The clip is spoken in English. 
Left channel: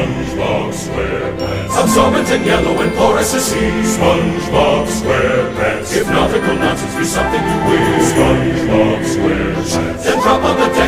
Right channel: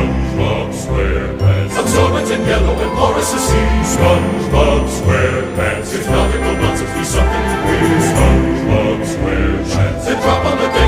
SpongeBob SquarePants. Absorbent and yellow and porous as sea. SpongeBob SquarePants. If nautical nonsense be something you wear, SpongeBob SquarePants. then drop on the